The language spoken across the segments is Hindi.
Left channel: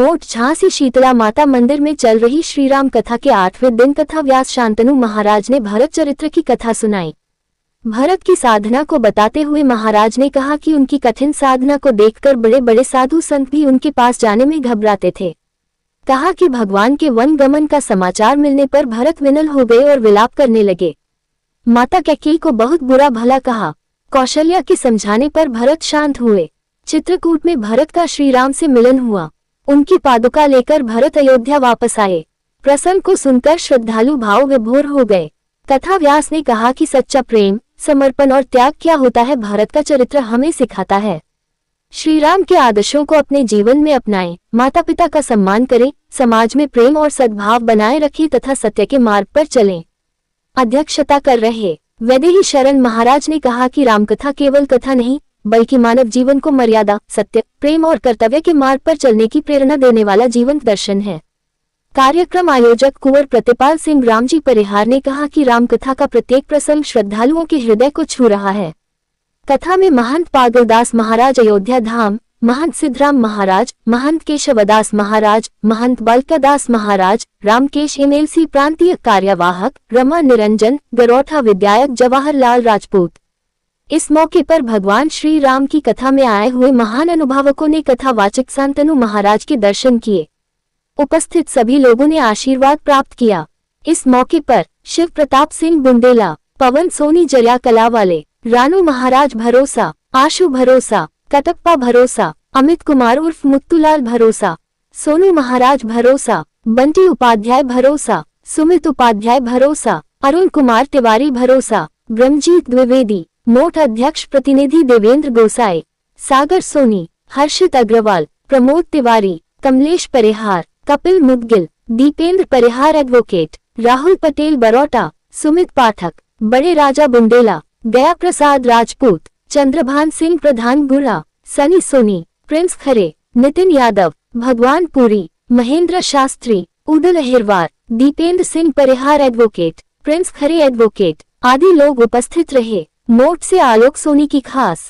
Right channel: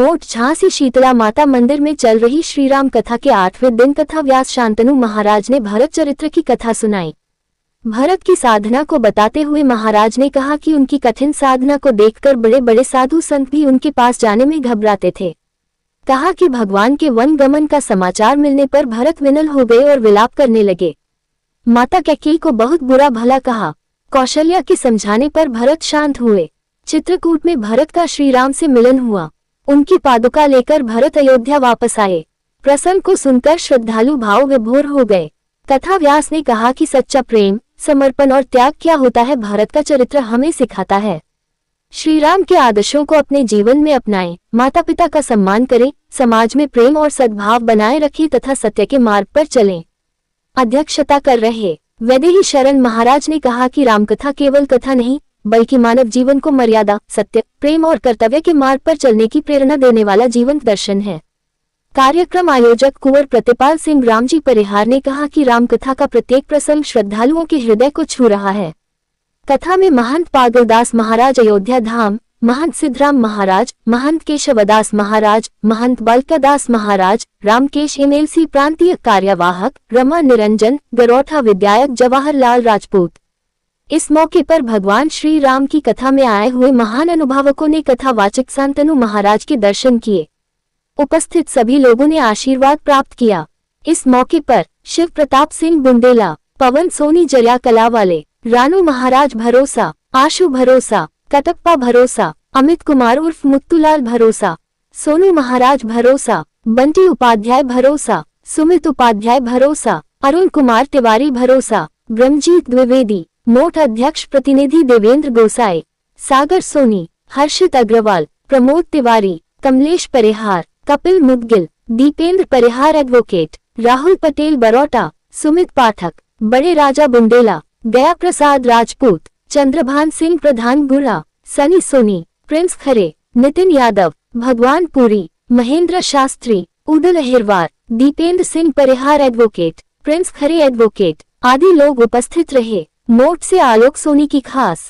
मोट झांसी शीतला माता मंदिर में चल रही श्रीराम कथा के 8वें दिन कथा व्यास शांतनु महाराज ने भरत चरित्र की कथा सुनाई। भरत की साधना को बताते हुए महाराज ने कहा कि उनकी कठिन साधना को देखकर बड़े बड़े साधु संत भी उनके पास जाने में घबराते थे। कहा कि भगवान के वन गमन का समाचार मिलने पर भरत विनल हो गए और विलाप करने लगे। माता कैकेयी को बहुत बुरा भला कहा। कौशल्या के समझाने पर भरत शांत हुए। चित्रकूट में भरत का श्रीराम से मिलन हुआ। उनकी पादुका लेकर भरत अयोध्या वापस आए। प्रसंग को सुनकर श्रद्धालु भाव विभोर हो गए। कथा व्यास ने कहा कि सच्चा प्रेम, समर्पण और त्याग क्या होता है भारत का चरित्र हमें सिखाता है। श्रीराम के आदर्शों को अपने जीवन में अपनाएं, माता पिता का सम्मान करें, समाज में प्रेम और सद्भाव बनाए रखें तथा सत्य के मार्ग पर चलें। अध्यक्षता कर रहे वैदेही शरण महाराज ने कहा कि रामकथा केवल कथा नहीं बल्कि मानव जीवन को मर्यादा, सत्य, प्रेम और कर्तव्य के मार्ग पर चलने की प्रेरणा देने वाला जीवंत दर्शन है। कार्यक्रम आयोजक कुंवर प्रतिपाल सिंह रामजी परिहार ने कहा कि रामकथा का प्रत्येक प्रसंग श्रद्धालुओं के हृदय को छू रहा है। कथा में महंत पागलदास महाराज अयोध्या धाम, महंत सिद्धराम महाराज, महंत केशवदास महाराज, महंत बालकादास महाराज, रामकेश एमएलसी प्रांतीय कार्यवाहक, रमा निरंजन, गरौठा विधायक जवाहरलाल राजपूत। इस मौके पर भगवान श्री राम की कथा में आए हुए महान अनुभावकों ने कथावाचक शांतनु महाराज के दर्शन किए। उपस्थित सभी लोगों ने आशीर्वाद प्राप्त किया। इस मौके पर शिव प्रताप सिंह बुंदेला, पवन सोनी जरिया कला वाले, रानू महाराज भरोसा, आशु भरोसा, कटप्पा भरोसा, अमित कुमार उर्फ मुत्तूलाल भरोसा, सोनू महाराज भरोसा, बंटी उपाध्याय भरोसा, सुमित उपाध्याय भरोसा, अरुण कुमार तिवारी भरोसा, ब्रह्मजीत द्विवेदी, मोट अध्यक्ष प्रतिनिधि देवेंद्र गोसाई, सागर सोनी, हर्षित अग्रवाल, प्रमोद तिवारी, कमलेश परिहार, कपिल मुदगिल, दीपेंद्र परिहार एडवोकेट, राहुल पटेल बरौटा, सुमित पाठक, बड़े राजा बुंदेला, गया प्रसाद राजपूत, चंद्रभान सिंह प्रधान गुरा, सनी सोनी, प्रिंस खरे, नितिन यादव, भगवान पुरी, महेंद्र शास्त्री, उदल अहिरवार, दीपेंद्र सिंह परिहार एडवोकेट, प्रिंस खरे एडवोकेट आदि लोग उपस्थित रहे। मोट से आलोक सोनी की खास।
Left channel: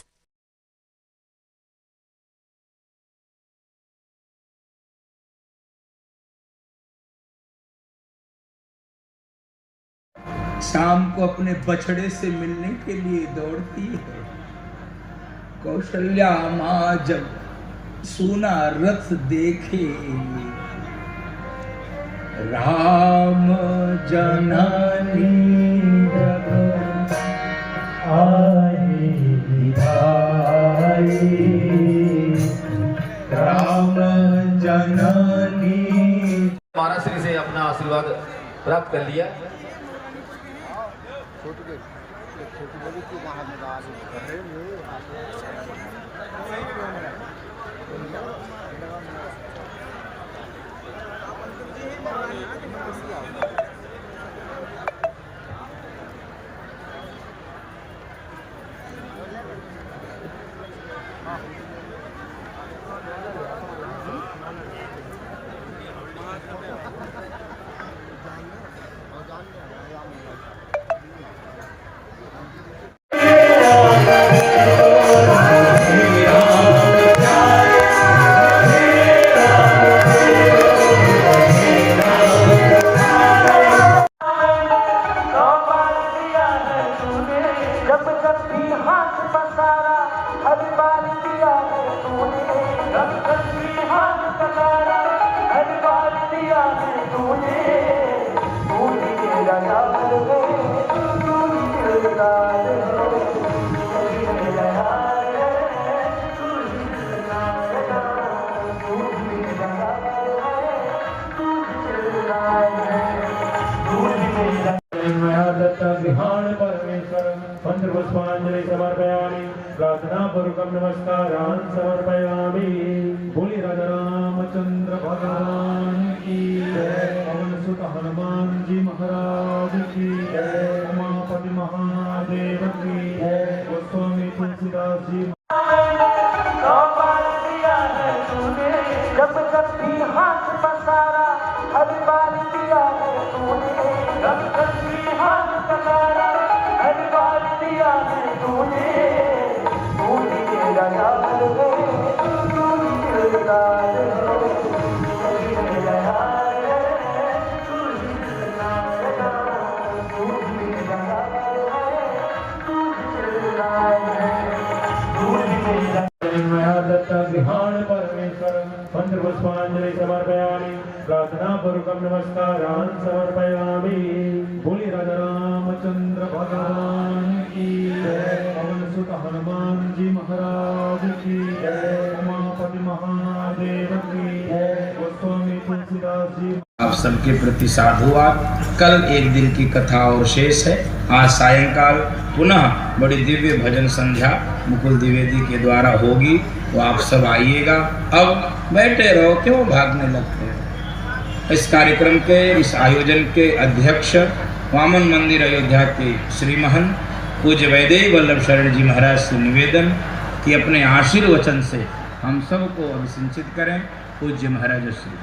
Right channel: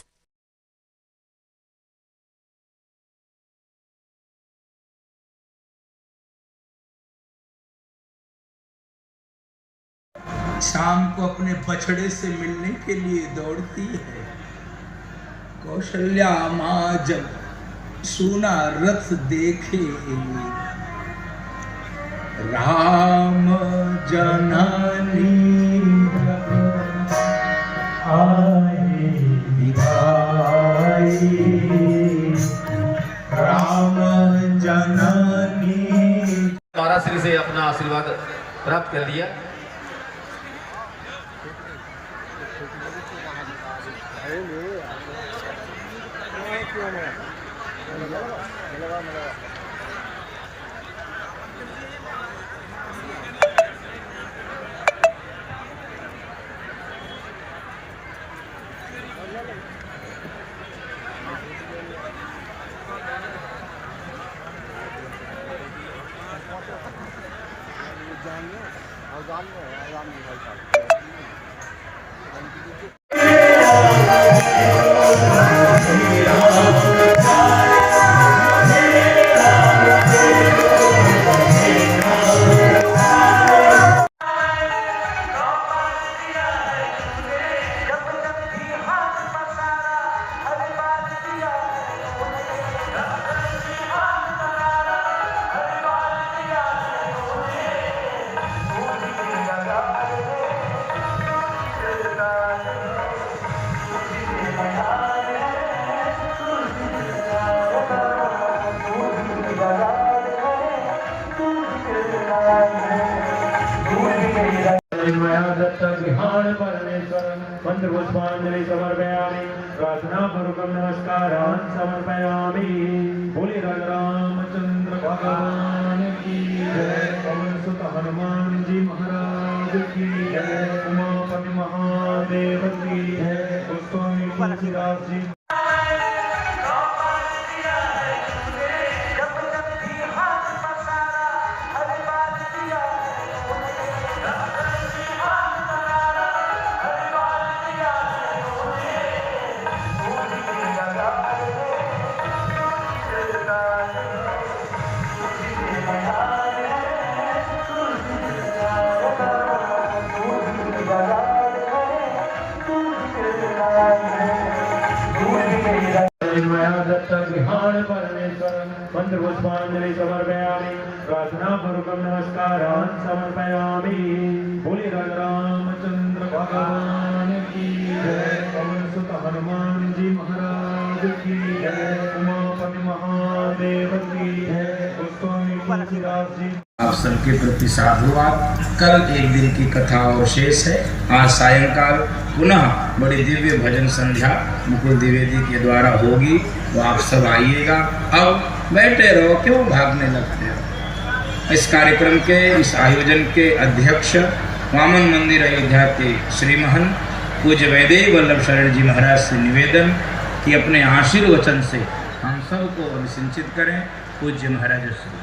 शाम को अपने बछड़े से मिलने के लिए दौड़ती है। कौशल्या माँ जब सोना रथ देखे, राम जननी राम जननी। महाराष्ट्र से अपना आशीर्वाद प्राप्त कर लिया। पुष्पांजलि समर्पयामि, प्रार्थना पूर्वकं नमस्कारान् समर्पयामि। बोलिए राजा रामचंद्र भगवान की जय। और सुत हनुमान जी महाराज की जय। उमापति महादेव की जय। गोस्वामी तुलसीदास जी गृहाण परमेश्वर मंत्रपुष्पांजलि समर्पयामि प्रार्थनापूर्वकं नमस्कारान् समर्पयामि। बोलिए राजा रामचंद्र भगवान की जय। बोल सुत हनुमान जी महाराज की जय। उमापति महादेव की जय। गोस्वामी तुलसीदास जी। आप सबके प्रति साधुवाद। कल एक दिन की कथा और शेष है। आज सायंकाल पुनः बड़ी दिव्य भजन संध्या मुकुल द्विवेदी के द्वारा होगी, तो आप सब आइएगा। अब बैठे रहो, क्यों भागने लगते हो। इस कार्यक्रम के इस आयोजन के अध्यक्ष वामन मंदिर अयोध्या के श्री महंत पूज्य वैदेही वल्लभ शरण जी महाराज से निवेदन कि अपने आशीर्वचन से हम सबको अभिसिंचित करें। पूज्य महाराज श्री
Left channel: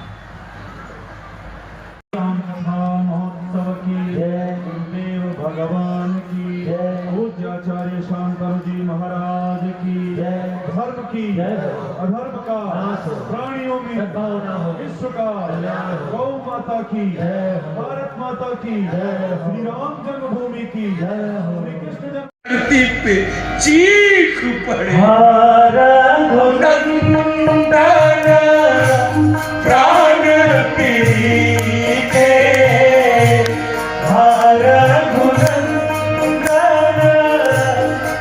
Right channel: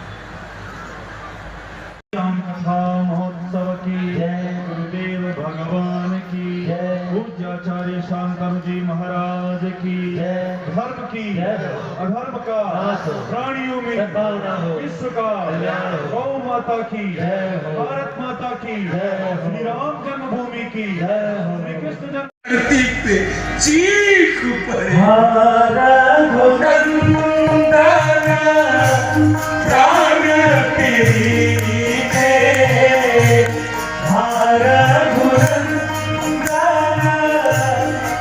राम कथा महोत्सव की जय। गुरुदेव भगवान की जय। पूज्य आचार्य शांतनु जी महाराज की जय। धर्म की अधर्म का प्राणियों में विश्व का गौ माता की भारत माता की श्री राम जन्मभूमि की श्री कृष्ण जन्म पे चीख पड़े प्राण पीते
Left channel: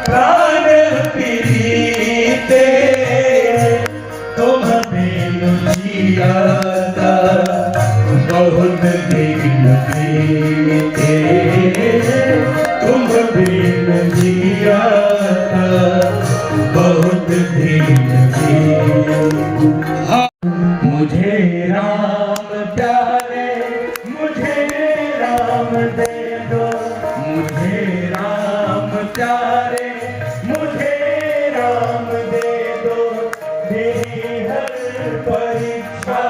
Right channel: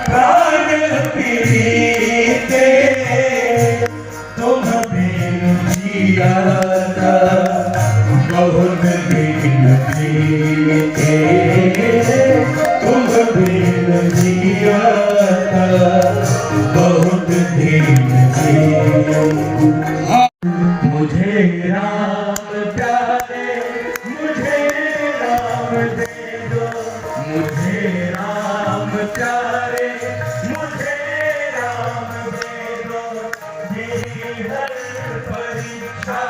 प्राण पीते तुम बिन जियाता बहुत दिन बीते तुम बिन जियाता बहुत दिन बीते। मुझे राम प्यारे मुझे राम दे दो। मुझे राम प्यारे मुझे राम दे दो। मेरी हर परीक्षा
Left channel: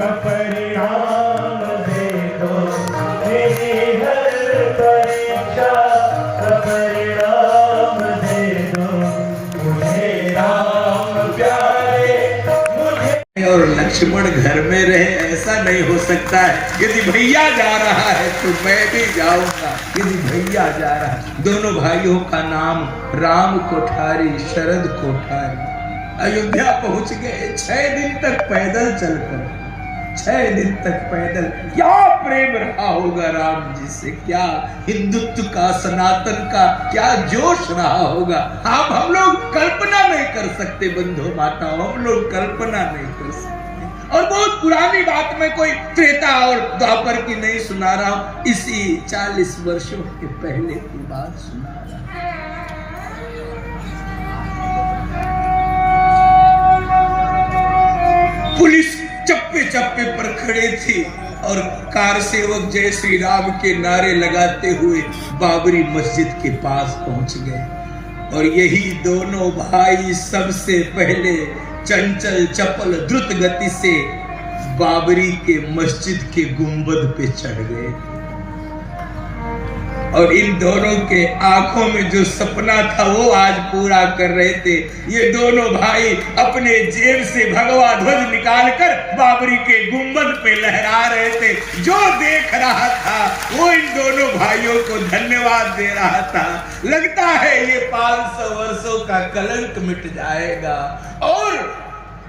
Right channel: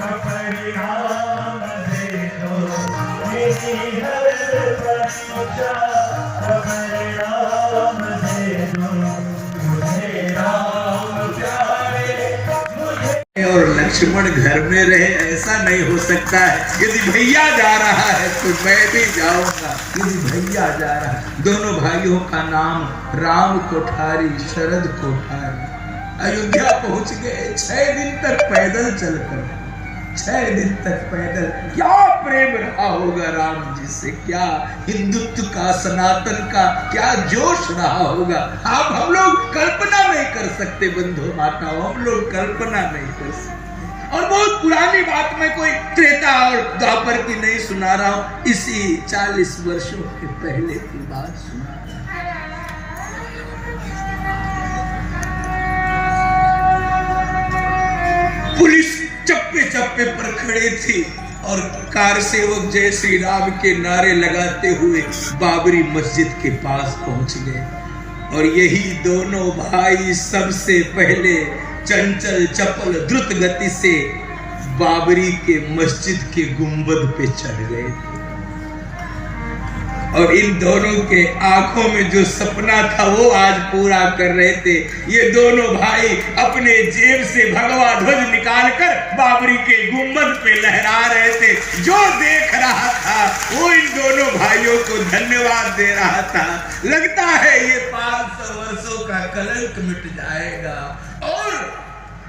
का परिणाम दे दो। मेरी हर परीक्षा का परिणाम दे दो। मुझे राम प्यारे और लक्ष्मण घर में रहे, ऐसा नहीं हो सकता है। यदि भैया जा रहा है तो मैं भी जाऊंगा। यदि भैया जा रहा है, दोनों भाइयों का नाम राम कोठारी शरद कोठारी अयोध्या पहुंच गए। 6 दिन तक पैदल चलकर, 6 दिन तक पैदल। क्या प्रेम रहा होगा राम जी से, क्या हिंदुत्व का सनातन का क्या जोश रहा होगा। आप हम लोग कल्पना नहीं कर सकते बंधु माता, हम लोग कल्पना नहीं कर सकते। और बहुत पुरानी बात में कोई त्रेता और द्वापर की नहीं सुना रहा हूं, इसी 40 वर्षों के पहले की बात सुना। पुलिस चप्पे चप्पे पर खड़े थी और कार सेवक जय श्री राम के नारे लगाते हुए बाबरी मस्जिद के पास पहुंच गए। और यही दोनों भाई सबसे पहले चंचल चपल द्रुत गति से बाबरी के मस्जिद के गुंबद पे चढ़ गए। और इन दोनों के आंखों में जो सपना था वो आज पूरा कर रहे थे। ये दोनों भाई अपने जेब से भगवा ध्वज निकालकर बाबरी के गुंबद पे लहरा रहे थे। जो देख रहा था वो इन दोनों भाइयों को धन्यवाद दे रहा था। लगता है ये 500 वर्षों का कलंक मिट जाएगा। और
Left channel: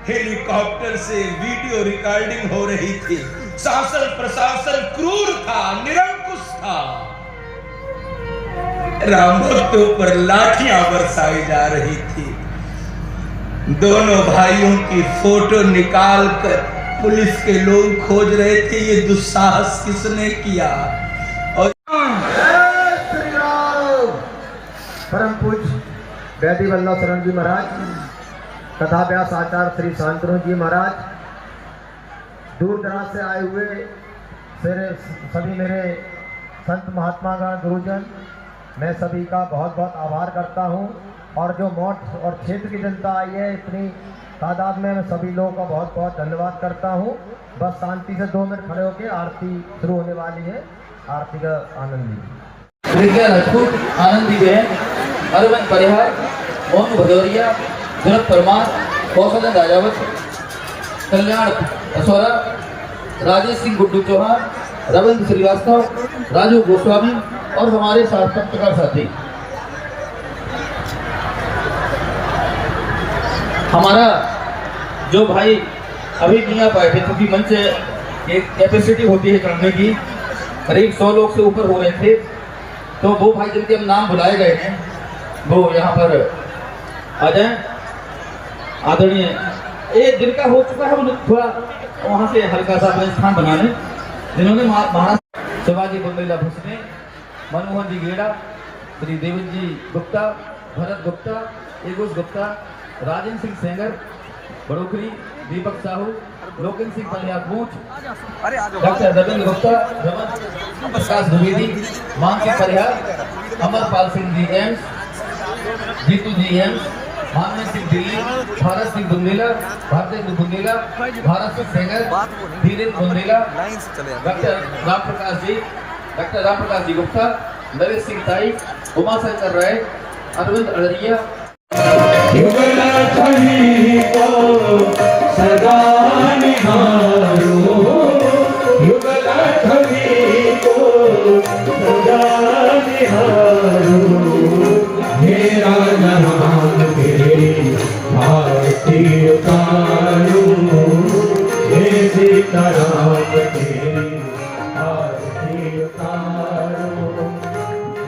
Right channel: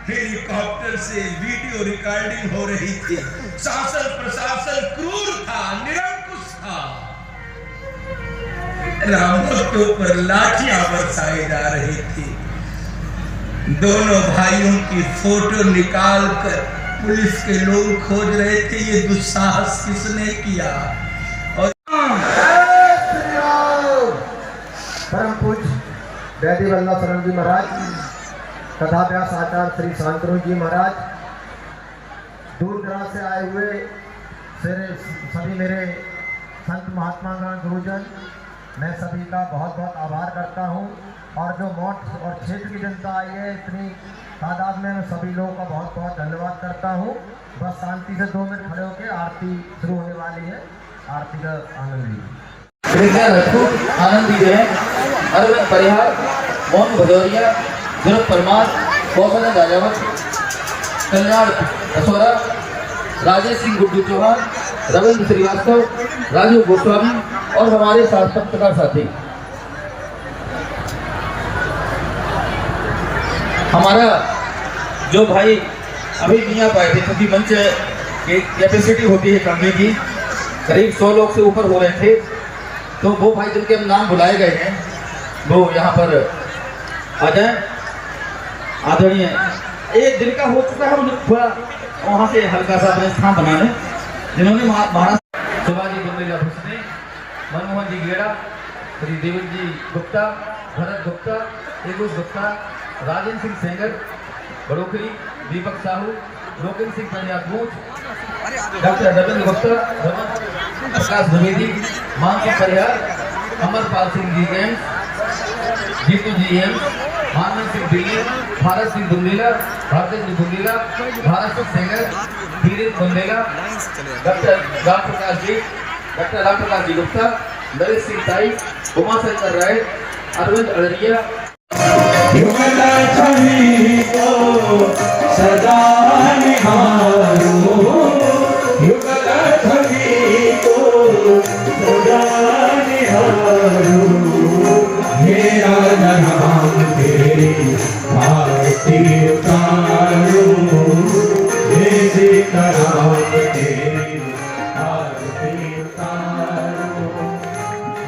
हेलीकॉप्टर से वीडियो रिकॉर्डिंग हो रही थी। शासन प्रशासन क्रूर था, निरंकुश था। राम भक्तों पर लाठियां बरसाई जा रही थी। दोनों भाइयों की फोटो निकालकर पुलिस के लोग खोज रहे थे, ये दुस्साहस किसने किया। और परम पूज्य वैदेही वल्लभ शरण जी महाराज, कथा व्यास आचार्य श्री शांतनु जी महाराज, दूर दराज से आए हुए सभी मेरे संत महात्मागण गुरुजन, मैं सभी का बहुत बहुत आभार करता हूं। और जो मठ और क्षेत्र की जनता आई है इतनी तादाद में, सभी लोगों का बहुत बहुत धन्यवाद करता हूं। बस शांति से 2 मिनट खड़े होकर आरती शुरू होने वाली है। आरती का आनंद लीजिए। आनंद दीजिए। अरविंद परिहार, मोहन भदौरिया, भरत परमार, कौशल राजावत, कल्याण असोरा, राजेश सिंह गुड्डू चौहान, रविंद्र श्रीवास्तव, राजू गोस्वामी और हमारे साथ पत्रकार साथी। हमारा जो भाई अभी नहीं आ पाए थे क्योंकि मंच की कैपेसिटी होती है कमरे की, करीब 100 लोग से ऊपर हो रहे थे, तो वो भाई जिनके नाम बुलाए गए हैं वो यहाँ पर आ जाए। आदरणीय एक दिन का हो चुका है, हम थोड़ा वहाँ से हल्का सा अपने स्थान बनाए, जिन्होंने महाराष्ट्र शिवाजी बुंदेला भुसने, मनमोहन जी गेड़ा, श्री देवन जी गुप्ता, भरत गुप्ता, तेगुस गुप्ता, राजेंद्र सिंह सेंगर बड़ोखरी, दीपक साहू, लोकेन सिंह पंजाबूत, डॉक्टर रविंद्र गुप्ता, रमन प्रकाश द्विवेदी, मान सिंह परिहार, अमरपाल सिंह जी एम्स, जीतू जी एम्स, हामिद सिंह दिल्ली, भारत सिंह बुंदेला, भारतेंद्र बुंदेला, भारत सिंह सेंगर, धीरेन्द्र बुंदेला, डॉक्टर राम प्रकाश जी गुप्ता, नरेश सिंह ताई, उमाशंकर राय, अरविंद अड़रिया। युगल छवि को सदा निहारो, युगल छवि को सदा निहारो, मेरा नाम तेरी आरती उतारो, मेरे नाम तेरी आरती उतारो,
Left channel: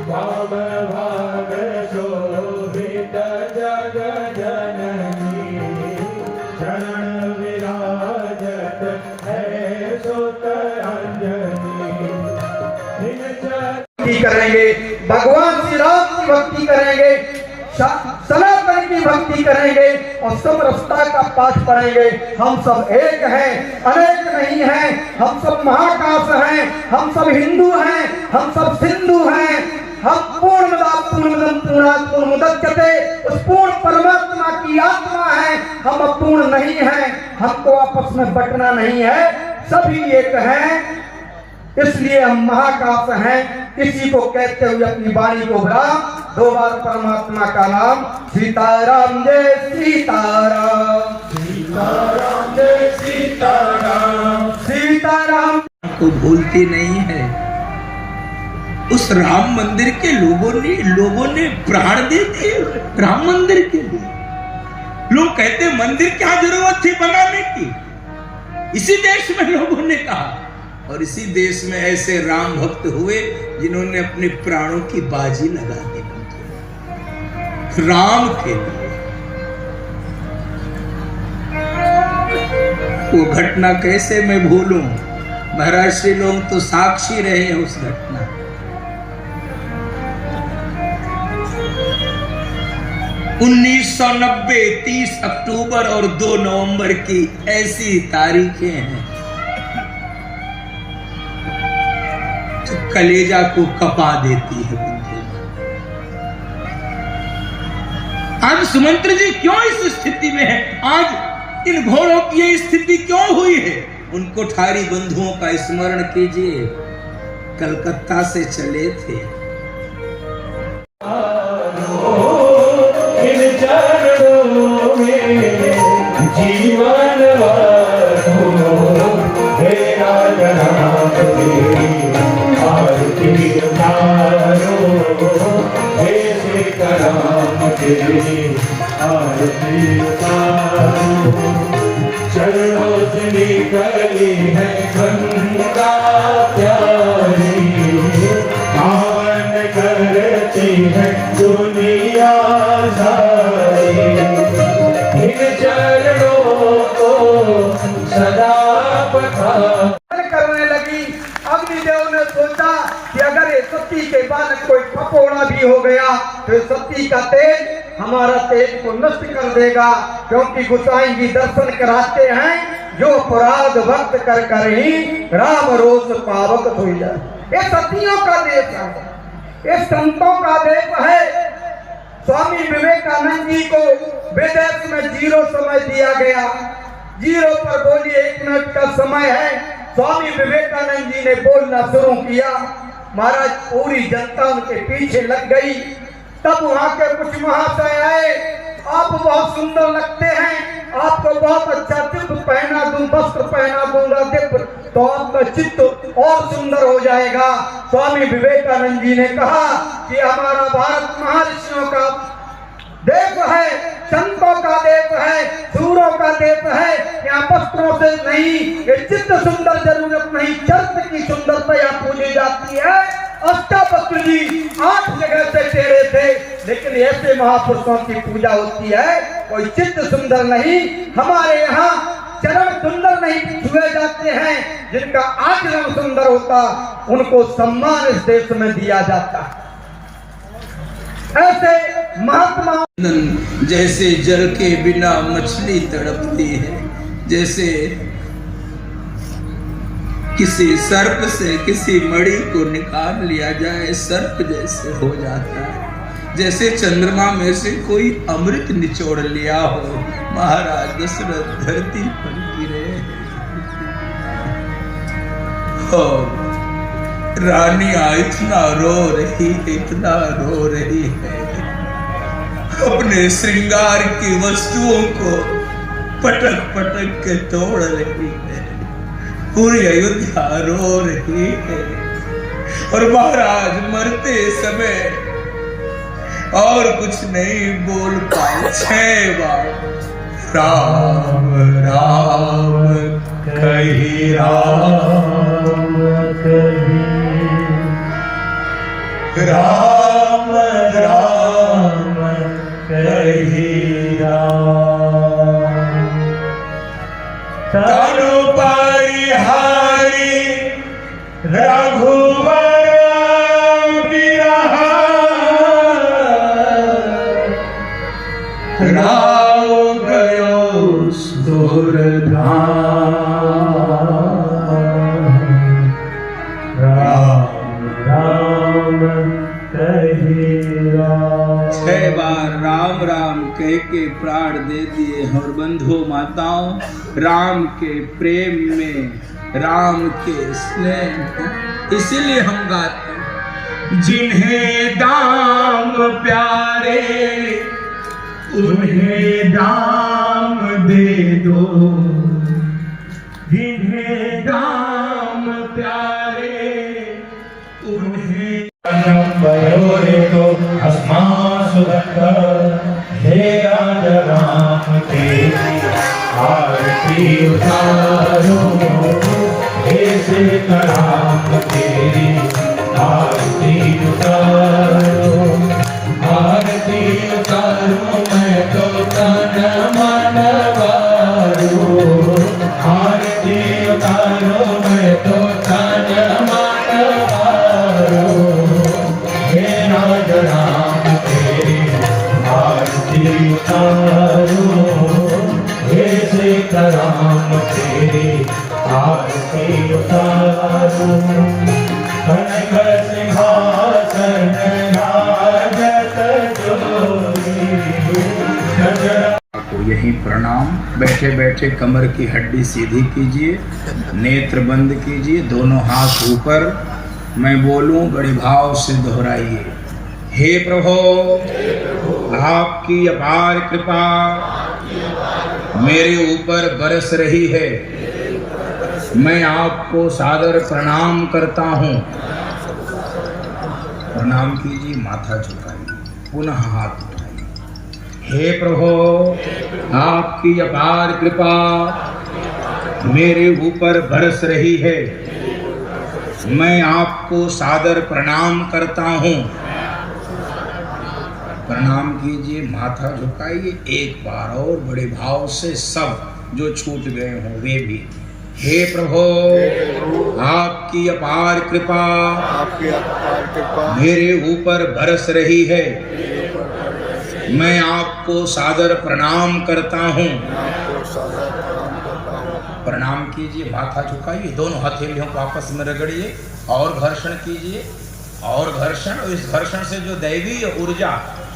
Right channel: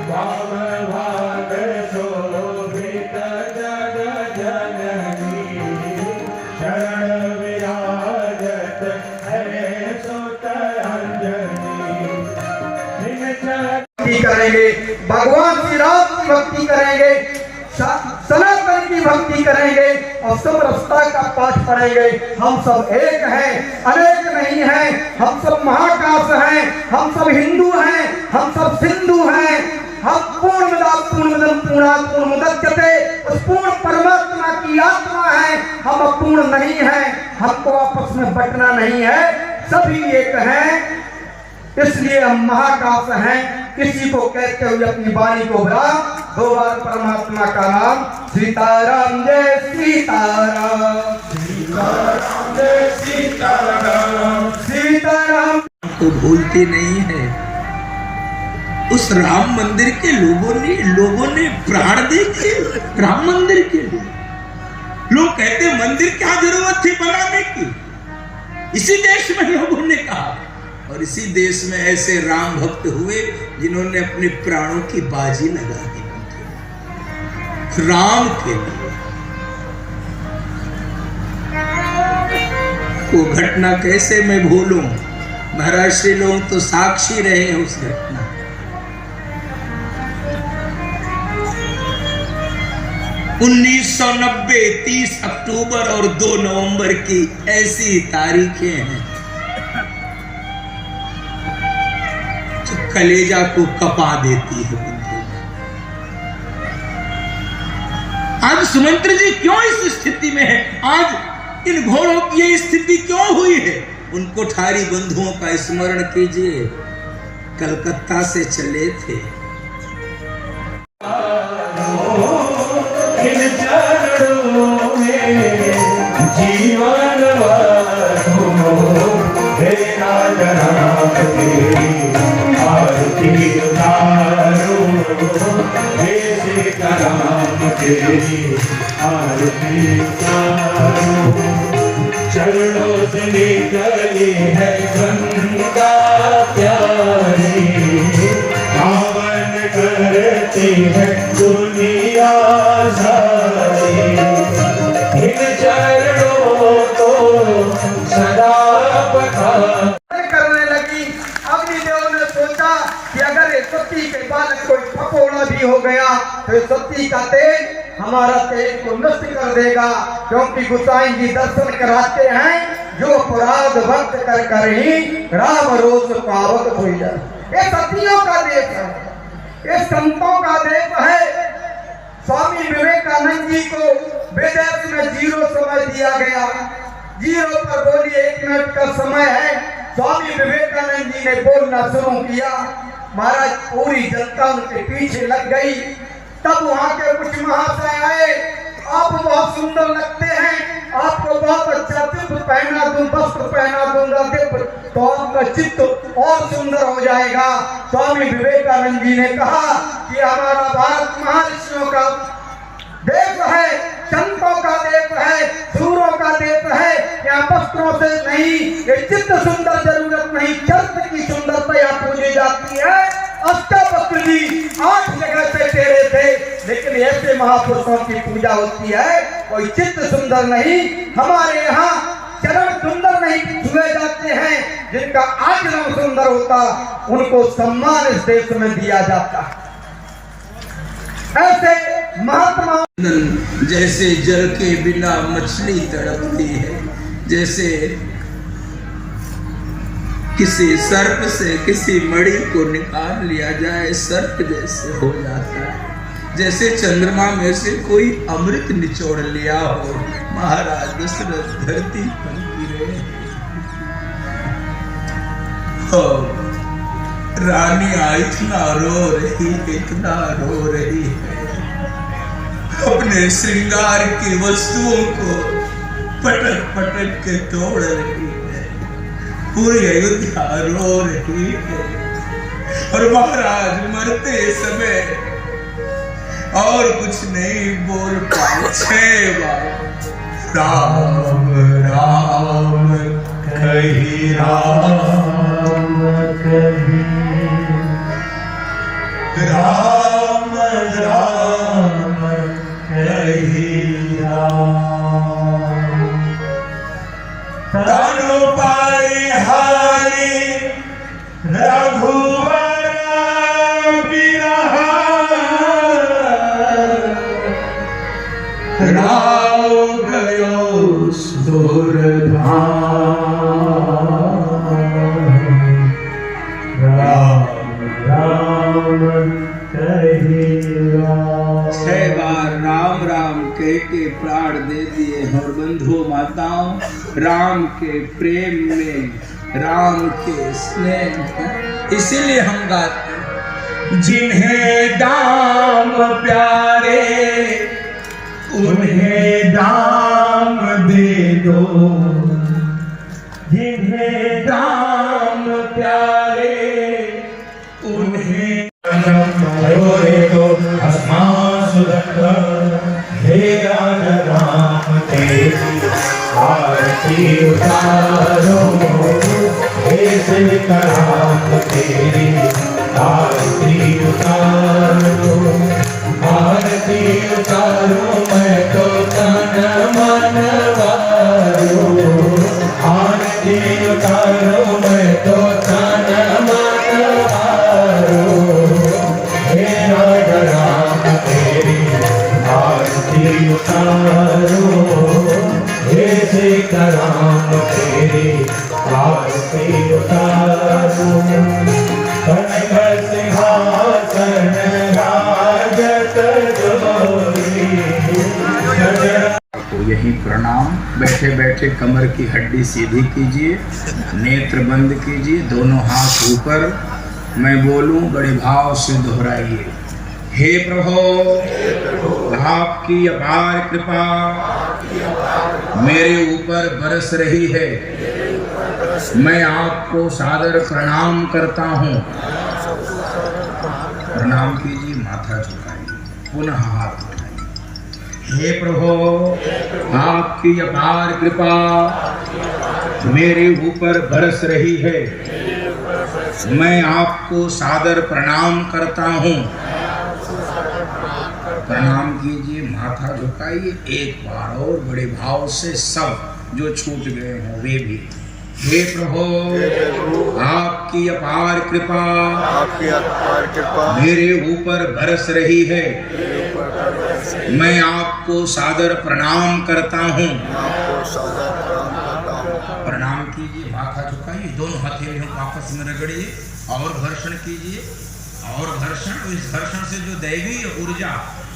भाव भाग शोभित जग जननी, शरण विराजत है सुत अंजनी, भक्ति करेंगे, भगवान श्री राम की भक्ति करेंगे, सनातन की भक्ति करेंगे और समरसता का पाठ पढ़ेंगे। हम सब एक हैं, अनेक नहीं हैं, हम सब महाकाश हैं, हम सब हिंदू हैं, हम सब सिंधु हैं, हम पूर्णमदं पूर्णात् पूर्णमुदच्यते, उस पूर्ण परमात्मा की आत्मा है, हम अपूर्ण नहीं हैं, हमको आपस में बंटना नहीं है, सभी एक हैं, इसलिए हम महाकाश हैं। किसी को कहते हुए अपनी वाणी को बढ़ा, 2 बार परमात्मा का नाम, सीताराम जय सीताराम, सीताराम जय सीताराम, सीताराम को भूलते नहीं है। उस राम मंदिर के लोगों ने प्राण दे दिए राम मंदिर के लिए। लोग कहते मंदिर क्या जरूरत थी बनाने की, इसी देश में लोगों ने कहा, और इसी देश में ऐसे राम भक्त हुए जिन्होंने अपने प्राणों की बाजी लगा दी राम के लिए। वो घटना कैसे मैं भूलूं, महाराष्ट्र लोग तो साक्षी रहे हैं उस घटना। 1990 30 अक्टूबर और 2 नवंबर की ऐसी तारीखें हैं जो कलेजा को कपा देती है। आज सुमंत्र जी क्यों इस स्थिति में है, आज इन घोड़ों की ये स्थिति क्यों हुई है, उन कोठारी बंधुओं का स्मरण कीजिए, कलकत्ता से चले थे। जीवन चरणों से निकली है गंगा प्यारी, पावन करती है दुनिया सारी, इन चरणों को सदा करने लगी। अग्निदेव ने सोचा कि अगर ये सती के बाद कोई फपोड़ा भी हो गया तो सती का तेज हमारा तेज को नष्ट कर देगा, क्योंकि गोसाई जी दर्शन कराते हैं जो अपराध भक्त कर कर ही राम रोज पावक हो जाए। ये सतियों का देश है, ये संतों का देश है। स्वामी विवेकानंद जी को विदेश में 0 समय दिया गया, 0 पर बोलिए 1 मिनट का समय है। स्वामी विवेकानंद जी ने बोलना शुरू किया, महाराज पूरी जनता उनके पीछे लग गई। तब वहां के कुछ महाशय आए, आप बहुत सुंदर लगते हैं, आपको बहुत अच्छा दिव्य पहना दूं, वस्त्र पहना दूंगा दिव्य, तो आपका चित्त और सुंदर हो जाएगा। स्वामी विवेकानंद जी ने कहा कि हमारा भारत महर्षियों का देश है, संतों का देश है, वस्त्रों से नहीं, ये चित्त सुंदर जरूरत नहीं, चरित्र की सुंदरता यहाँ पूजी जाती है। अष्टावक्र जी 8 जगह से टेढ़े थे, लेकिन ऐसे महापुरुषों की पूजा होती है। कोई चित्त सुंदर नहीं, हमारे यहाँ चरण सुंदर नहीं छुए जाते हैं, जिनका आचरण सुंदर होता उनको सम्मान इस देश में दिया जाता है। ऐसे महात्मा जैसे जल के बिना मछली तड़पती है, जैसे किसी सर्प से किसी मणि को निकाल लिया जाए सर्प जैसे हो जाता है, जैसे चंद्रमा में से कोई अमृत निचोड़ लिया हो। महाराज दशरथ धरती पर गिरे और रानियां इतना रो रही है, इतना रो रही है, अपने श्रृंगार की वस्तुओं को पटक पटक के तोड़ रही है, पूरी अयोध्या रो रही है। और महाराज मरते समय और कुछ नहीं बोल पाए, 6 बार राम राम कही, राम कही, राम राम कही, राम तनु पाई हारी रघुवर बिरहा, राम गयो सुरधाम, राम राम कही, 6 बार राम राम कह के प्राण दे दिए। और बंधु माताओं, राम के प्रेम में, राम के स्नेह, इसीलिए हम गाते, जिन्हें दाम प्यारे उन्हें दाम दे दो, जिन्हें दाम प्यारे उन्हें हे राम तेरी आरती उतारो, हे राम तेरी आरती उतारो, आरती उतारो, मैं तो तन मन वारो, आरती उतारो, मैं तो तन मन वारो, हे राम तेरी आरती उतारो, हे राम तेरी आरती उतारो, कनक सिंहासन राजत जोरी। आपको यही प्रणाम। बैठे बैठे कमर की हड्डी सीधी कीजिए, नेत्र बंद कीजिए, दोनों हाथ ऊपर। मैं बोलूं बड़े भाव से दोहराइए। हे प्रभु, आपकी अपार कृपा मेरे ऊपर बरस रही है। मैं आपको सादर प्रणाम करता हूँ। प्रणाम कीजिए, माथा झुकाइए, पुनः हाथ उठाइए। हे प्रभु, आपकी अपार कृपा मेरे ऊपर बरस रही है। मैं आपको सादर प्रणाम करता हूँ। प्रणाम कीजिए, माथा झुकाइए। एक बार और बड़े भाव से सब जो छूट गए हों वे भी। हे प्रभु, आपकी अपार कृपा मेरे ऊपर बरस रही है। मैं आपको सादर प्रणाम करता हूँ। प्रणाम कीजिए, माथा झुकाइए, दोनों हथेलियों को आपस में रगड़िए और घर्षण कीजिए और घर्षण। इस घर्षण से जो दैवीय ऊर्जा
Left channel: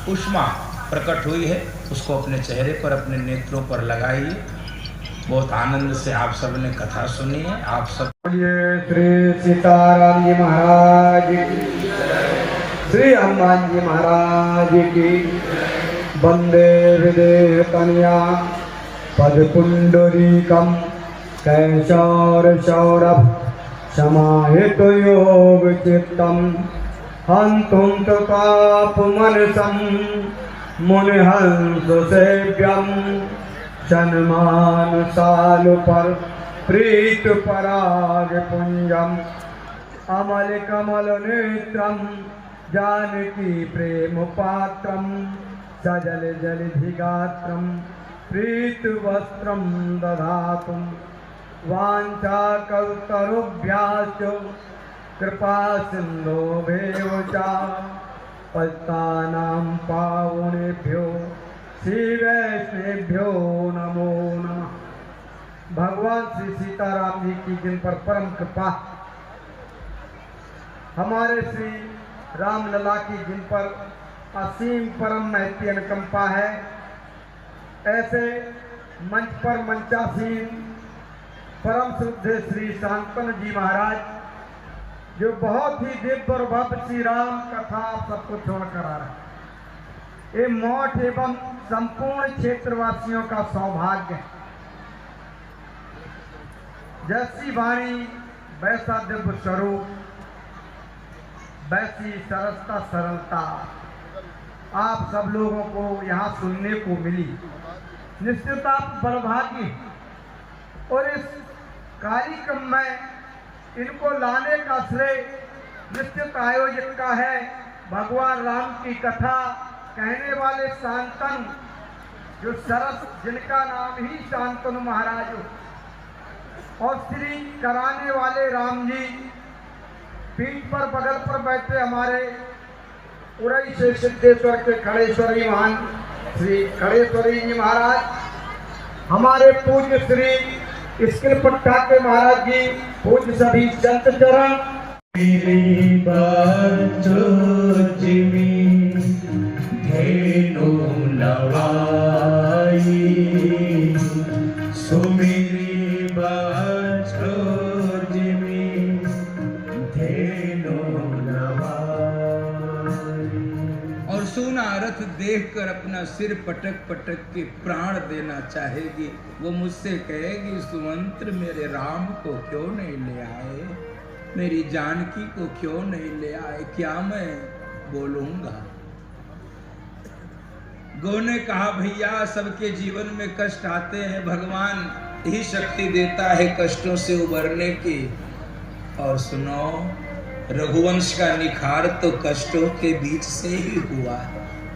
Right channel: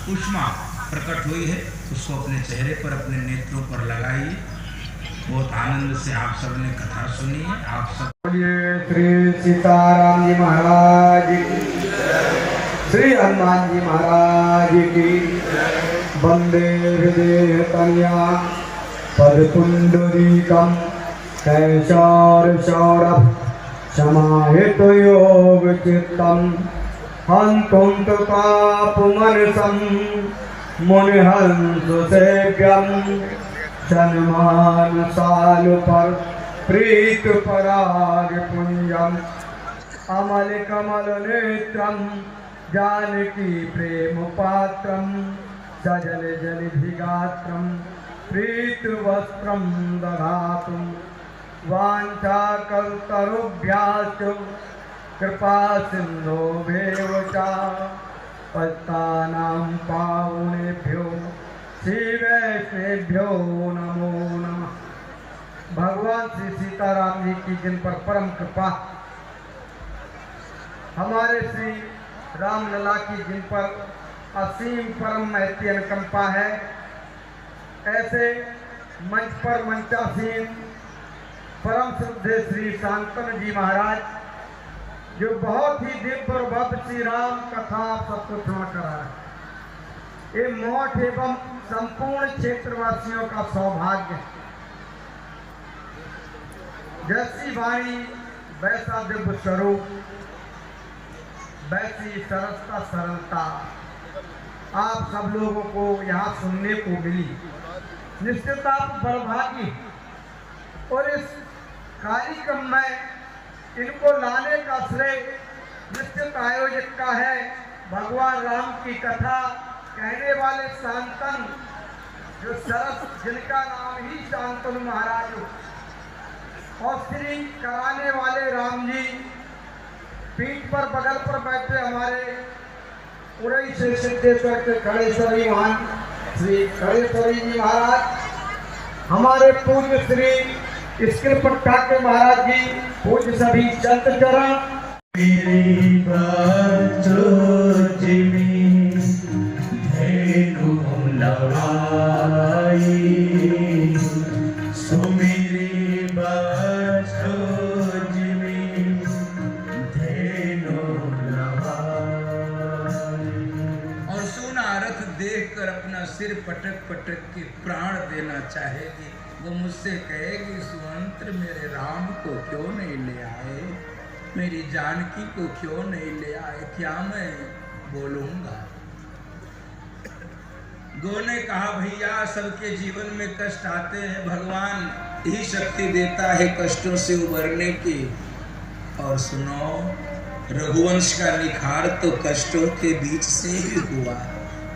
उष्मा प्रकट हुई है उसको अपने चेहरे पर, अपने नेत्रों पर लगाइए। बहुत आनंद से आप सब ने कथा सुनी है। आप सब श्री सीताराम जी महाराज की, श्री हनुमान जी महाराज की। वंदे विदेह तनया पदपुंडरीकम कैशोर सौरभ समाहित योग चित्तम हंतुं पापमनसं मुनिहंस सेव्यम सन्मान साल पर प्रीत पराग पुंजम अमल कमल नेत्रम जानकी प्रेम पात्रम सजल जलधिगात्रम प्रीत वस्त्रम दधातुम वाञ्छाकल्पतरुभ्यश्च कृपा सिन्धुभ्येव च पतितानां पावनेभ्यो श्रीवैष्णवेभ्यो नमो नमः। भगवान श्री सीताराम जी की जिन पर परम कृपा, हमारे श्री रामलला की जिन पर असीम परम महती अनुकंपा है, ऐसे मंच पर मंचासीन परम श्रद्धेय श्री शांतनु जी महाराज, जो बहुत ही दिव्य और भव्य श्री राम कथा सबको श्रवण करा रहे, ये मठ एवं संपूर्ण क्षेत्रवासियों का सौभाग्य है। जैसी वाणी वैसा दिव्य स्वरूप, वैसी सरसता सरलता आप सब लोगों को यहाँ सुनने को मिली। निश्चित आप बड़भागी, और इस कार्यक्रम में इनको लाने का श्रेय निश्चित आयोजक का है। भगवान राम की कथा कहने वाले शांतनु, जो सरस, जिनका नाम ही शांतनु महाराज हो, और श्री कराने वाले राम जी, पीठ पर बगल पर बैठे हमारे उरई से सिद्धेश्वर के खड़ेश्वरी महान श्री खड़ेश्वरी जी महाराज, हमारे पूज्य श्री स्किल पट्टा के महाराज जी, पूज्य सभी संत चरण। मेरी बच्चों जिमी धेनु नवाई, सुमेरी बच्चों जिमी धेनु नवाई। और सोना रथ देखकर अपना सिर पटक पटक के प्राण देना चाहेगी। वो मुझसे कहेगी, सुमंत्र मेरे राम को क्यों नहीं ले आए, मेरी जानकी को क्यों नहीं ले आए, क्या मैं बोलूंगा। गो ने कहा, भैया सबके जीवन में कष्ट आते हैं, भगवान ही शक्ति देता है कष्टों से उबरने की। और सुनो, रघुवंश का निखार तो कष्टों के बीच से ही हुआ,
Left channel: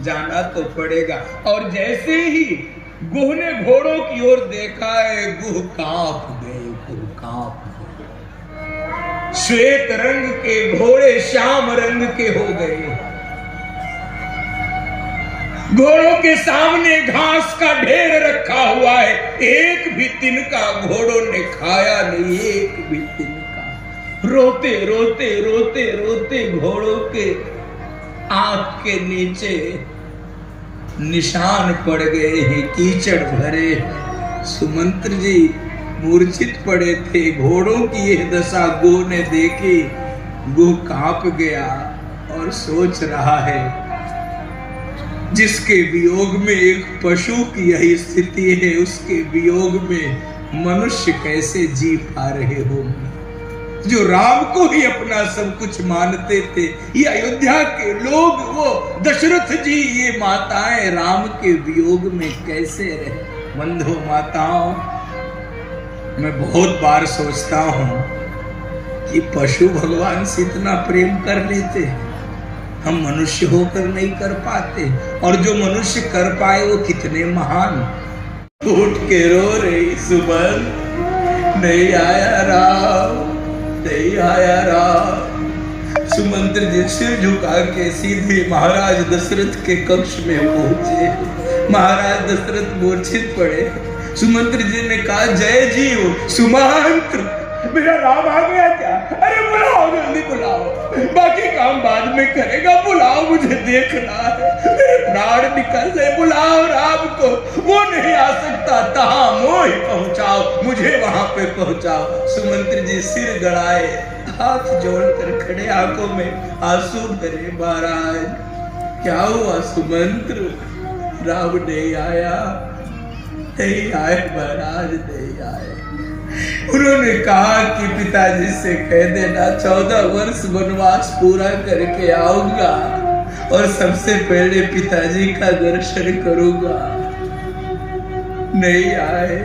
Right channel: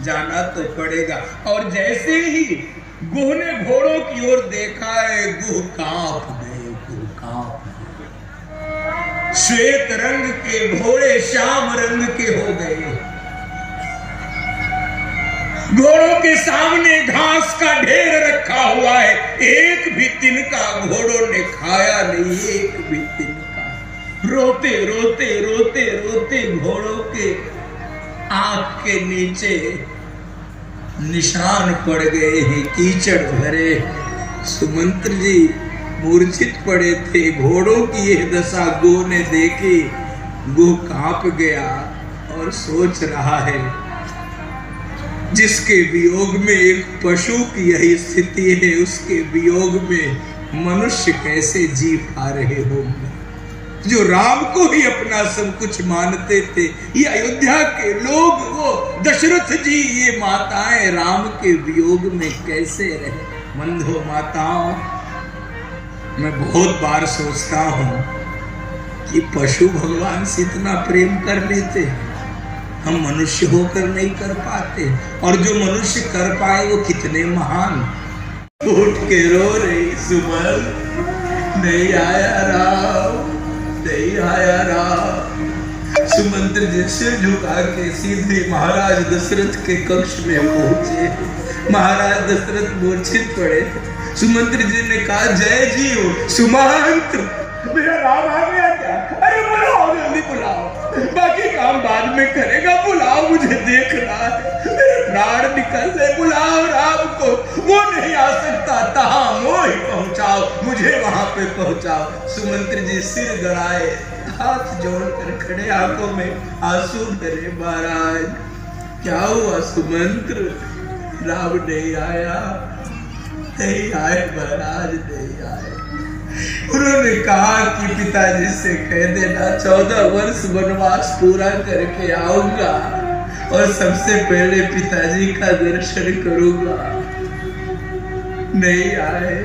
जाना तो पड़ेगा। और जैसे ही गुह ने घोड़ों की ओर देखा है, गुह कांप गए, गुह कांप गए। श्वेत रंग के घोड़े श्याम रंग के हो गए। घोड़ों के सामने घास का ढेर रखा हुआ है, एक भी तिनका घोड़ों ने खाया नहीं, एक भी तिनका। रोते रोते रोते रोते घोड़ों के आंख के नीचे निशान पड़ गए हैं, कीचड़ भरे। सुमंत्र जी मूर्छित पड़े थे। घोड़ों की यह दशा गो ने देखी, गो कांप गया और सोच रहा है, जिसके वियोग में एक पशु की यही स्थिति है, उसके वियोग में मनुष्य कैसे जी पा रहे होंगे। जो राम को ही अपना सब कुछ मानते थे, ये अयोध्या के लोग, वो दशरथ जी, ये माताएं राम के वियोग में कैसे रहे। बंधु माताओं, मैं बहुत बार सोचता हूं कि पशु भगवान से इतना प्रेम कर लेते हैं, हम मनुष्य होकर नहीं कर पाते, और जो मनुष्य कर पाए वो कितने महान। उठ के रो रही सुमन, नहीं आया राम, नहीं आया राम। सुमंत्र जी सिर झुका के सीधे महाराज दशरथ के कक्ष में पहुंचे। महाराज दशरथ मूर्छित पड़े। सुमंत्र जी ने कहा, जय जीव सुमंत्र, मेरा राम आ गया क्या? अरे बुलाओ, जल्दी बुलाओ, बाकी काम बाद में करेगा, बुलाओ, मुझे देखना है, मेरे प्राण निकल ले, बुलाओ राम को। वो नहीं आ सकता, तहां मोह पहुंचाओ, मुझे वहां पे पहुंचाओ। सुमंत्र जी सिर गड़ाए, हाथ जोड़कर खड़े, आंखों में आंसू भरे। महाराज क्या हुआ सुमंत्र? राम नहीं आया, नहीं आए महाराज, नहीं आए। उन्होंने कहा कि पिताजी से कह देना 14 वर्ष वनवास पूरा करके आऊंगा और सबसे पहले पिताजी का दर्शन करूंगा। नहीं आए।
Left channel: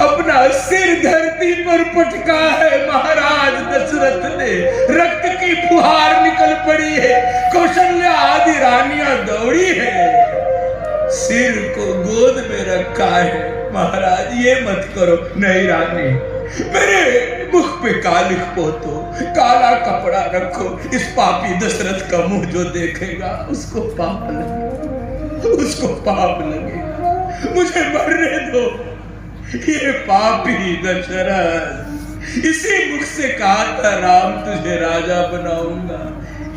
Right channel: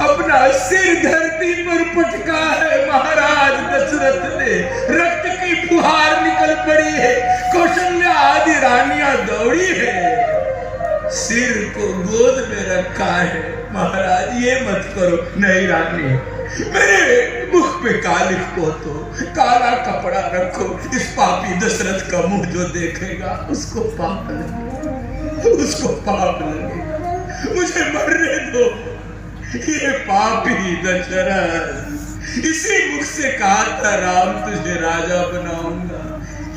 अपना सिर धरती पर पटका है महाराज दशरथ ने, रक्त की फुहार निकल पड़ी है, कौशल्या आदि रानियां दौड़ी है, सिर को गोद में रखा है। महाराज ये मत करो। नहीं रानी, मेरे मुख पे कालिख पोतो, काला कपड़ा रखो, इस पापी दशरथ का मुंह जो देखेगा उसको पाप लगे, उसको पाप लगे। मुझे मरने दो। ये पापी दशरथ इसी मुख से कहा था राम तुझे राजा बनाऊंगा,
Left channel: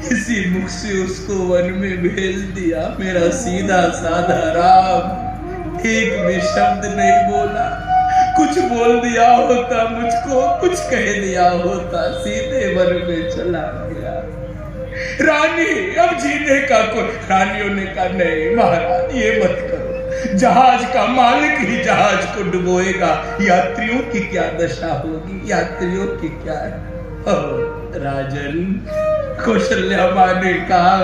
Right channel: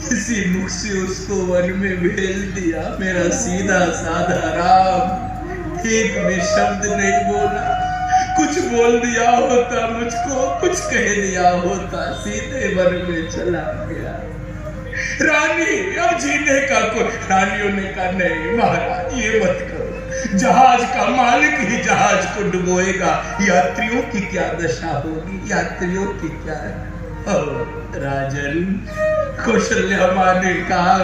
इसी मुख से उसको वन में भेज दिया। मेरा सीधा साधा राम एक भी शब्द नहीं बोला, कुछ बोल दिया होता मुझको, कुछ कह दिया होता, सीधे वन में चला गया। रानी अब जीने का तो रानियों ने कहा नहीं महाराज ये मत करो, जहाज का मालिक ही जहाज को डुबोएगा, यात्रियों की क्या दशा होगी, यात्रियों की क्या है। राजन, कौशल्या मां ने कहा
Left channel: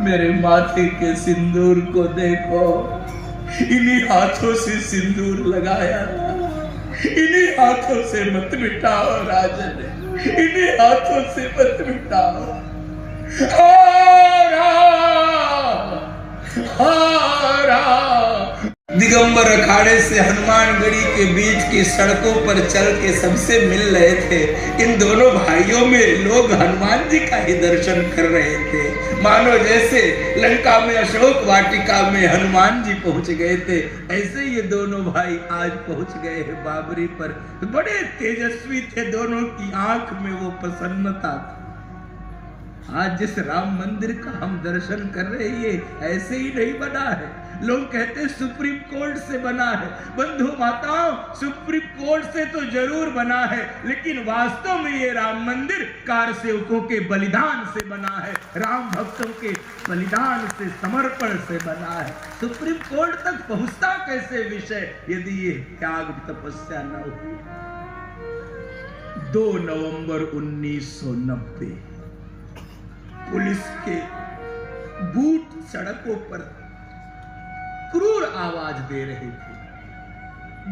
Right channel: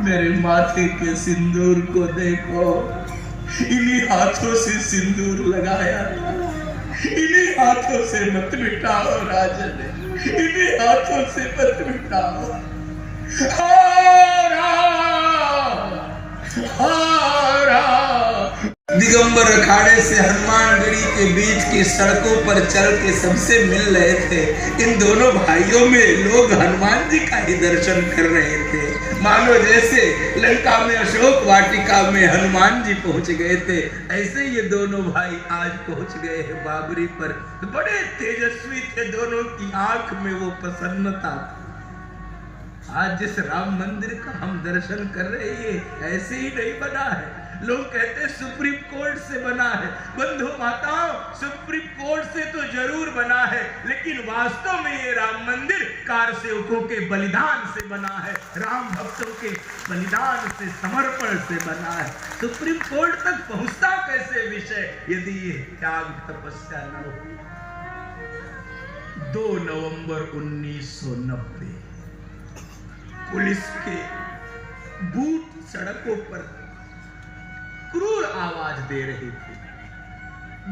मेरे माथे के सिंदूर को देखो, इन्हीं हाथों से सिंदूर लगाया, इन्हीं हाथों से मत मिटाओ राजन, इन्हीं हाथों से मत मिटाओ। दिगंबर अखाड़े से हनुमानगढ़ी के बीच की सड़कों पर चल के सबसे मिल रहे थे। इन दोनों भाइयों में लोग हनुमान जी का ही दर्शन कर रहे थे, मानो जैसे लंका में अशोक वाटिका में हनुमान जी पहुंच गए थे, ऐसे ये दोनों भाई आज पहुंच गए हैं बाबरी पर। बड़े तेजस्वी थे, दोनों की आंख में वो प्रसन्नता थी। आज जिस राम मंदिर का हम दर्शन कर रहे हैं ऐसे ही नहीं बना है। लोग कहते हैं सुप्रीम कोर्ट से बना है। बंधु माताओं, सुप्रीम कोर्ट से तो जरूर बना है, लेकिन वास्तव में ये राम मंदिर कार सेवकों के बलिदान से बना है, राम भक्तों के बलिदान से, समर्पण से बना है। सुप्रीम कोर्ट तक पहुंचता कैसे विषय यदि ये त्याग तपस्या न हो। 2 नवंबर 1990 पुलिस के बूट सड़कों पर क्रूर आवाज दे रहे थे।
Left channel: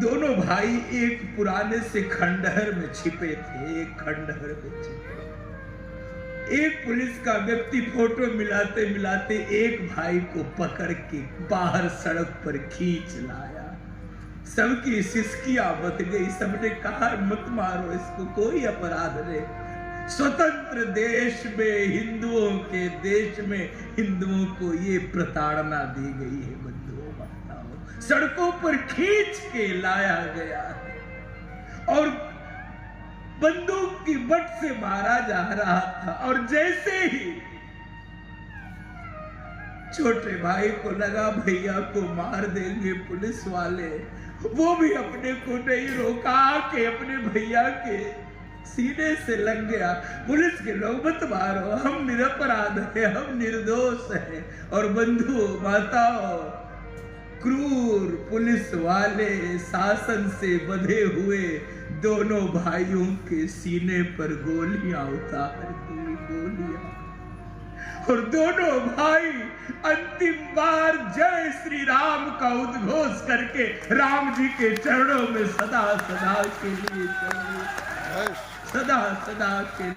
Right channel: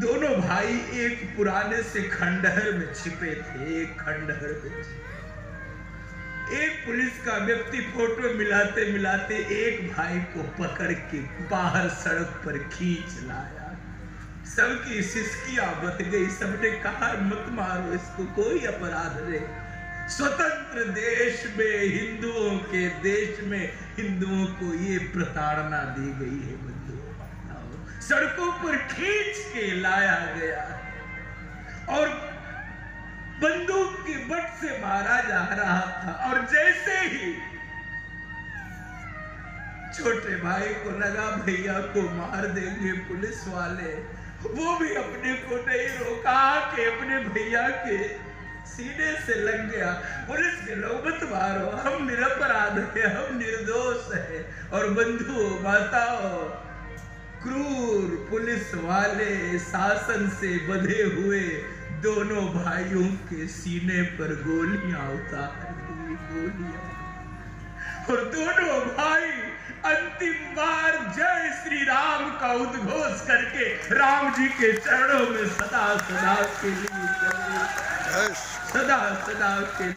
दोनों भाई एक पुराने से खंडहर में छिपे थे, एक खंडहर में छिपे। एक पुलिस का व्यक्ति फोटो मिलाते मिलाते एक भाई को पकड़ के बाहर सड़क पर खींच लाया। सबकी सिसकियां बच गई, सबने कहा मत मारो इसको, कोई अपराध नहीं। स्वतंत्र देश में, हिंदुओं के देश में हिंदुओं को ये प्रताड़ना दी गई है। बंधुओं माताओं, सड़कों पर खींच के लाया गया और बंदूक की बट से मारा जा रहा था। और जैसे ही छोटे भाई को लगा भैया को मार देंगे पुलिस वाले, वो भी अपने को नहीं रोका कि अपने भैया के सीने से लग गया। पुलिस के लोग मत मारो, हम निरपराध हैं, हम निर्दोष हैं। और बंधुओं माताओं, क्रूर पुलिस वाले शासन से बंधे हुए दोनों भाइयों के सीने पर गोलियां उतार दी, गोलियां। और दोनों भाई अंतिम बार जय श्री राम का उद्घोष करके राम जी के चरणों में सदा सदा के लिए चले, सदा सदा के